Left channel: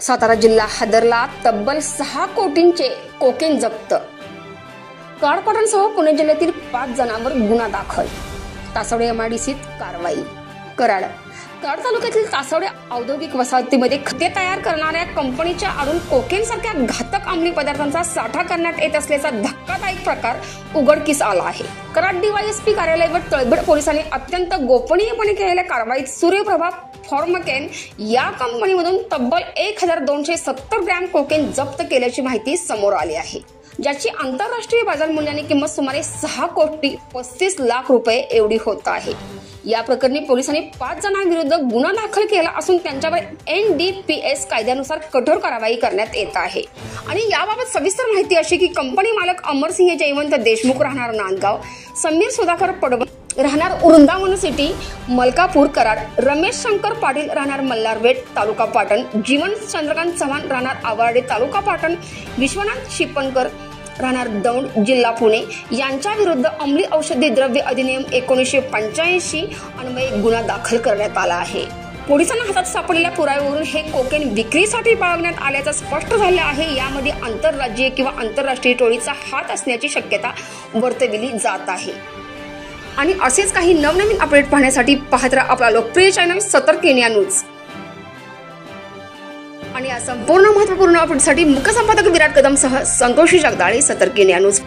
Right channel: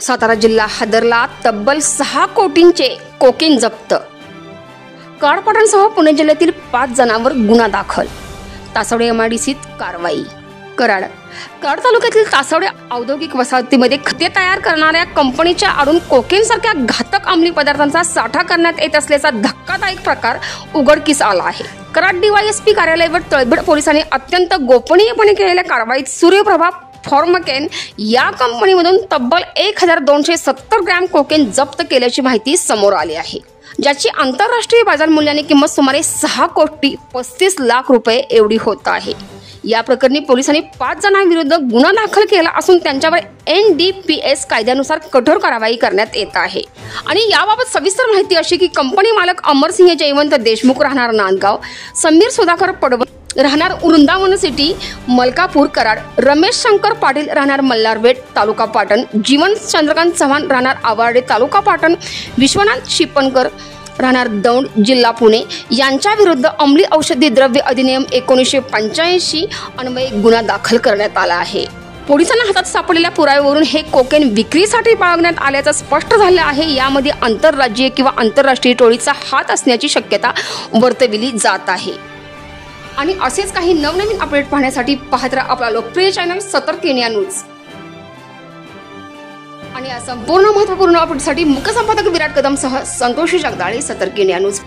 सातारा जिल्हा हादरला, तब्बल 6 कोटींचे कोकेन जप्त। कारपाटांसह पुणे जिल्ह्यातील 5 जणांवर गुन्हा दाखल। तासवडे एमआयडीसीत कारवाई। कराड तालुक्यातील तासवडे औद्योगिक वसाहतीमध्ये खते तयार करणाऱ्या कंपनीच्या आडून कोकेन सारख्या घातक अंमली पदार्थांचा साठा करण्यात येत असल्याचा धक्कादायक प्रकार उघडकीस आला आहे। कराड डीवायएसपी कार्यालय व तळबीड पोलिसांनी अत्यंत गोपनीयपणे केलेल्या कारवाईत सूर्यप्रभा फॉर्मकेन या कंपनीमधून तब्बल 1270 ग्रॅम कोकेन जप्त केल्याची माहिती समोर आली आहे, ज्याची आंतरराष्ट्रीय बाजार मूल्याने किंमत सुमारे 6 कोटी 35 लाख रुपये एवढी होत आहे। या प्रकरणी पोलिसांनी 5 जणांविरुद्ध गुन्हा दाखल केला असून त्यांच्यावर NDPS कायद्यानुसार कठोर कारवाई करण्यात येत आहे। आणि याबाबत सविस्तर माहिती अशी की कंपनी मालक अमरसिंह जयवंत देशमुख राहणार नांदगाव, समीर सुधाकर पडवळ राहणार वृंदावन सिटी मलकापूर कराड, रमेश शंकर पाटील राहणार मल्हारपेठ तालुका पाटण, जीवन चंद्रकांत चव्हाण राहणार आवार्डे तालुका पाटण, विश्वनाथ शिपणकर राहणार दौंड जिल्हा पुणे यांच्या विरुद्ध अंमली औषधी द्रव्य अधिनियम 1985 अन्वये गुन्हा दाखल करण्यात आला आहे। पोलिसांना हातात सापडलेल्या पुराव्यावरून हे कोकेन विक्रीसाठी बाळगण्यात आल्याचं स्पष्ट झालं आहे। यामध्ये आंतरराज्यीय किंवा आंतरराष्ट्रीय टोळीचा हात असण्याची शक्यता वर्तविली जात आहे। आणि असेच काही नवनवीन अपडेट पाहण्यासाठी पाहत राहा आपला लोकप्रिय चॅनल सतर्क इंडिया न्यूज। आणि या संपूर्ण महत्त्वपूर्ण अपडेटसाठी मुख्य संपादक विराट कदम सह संतोषी जगदाळे, सतर्क इंडिया न्यूज।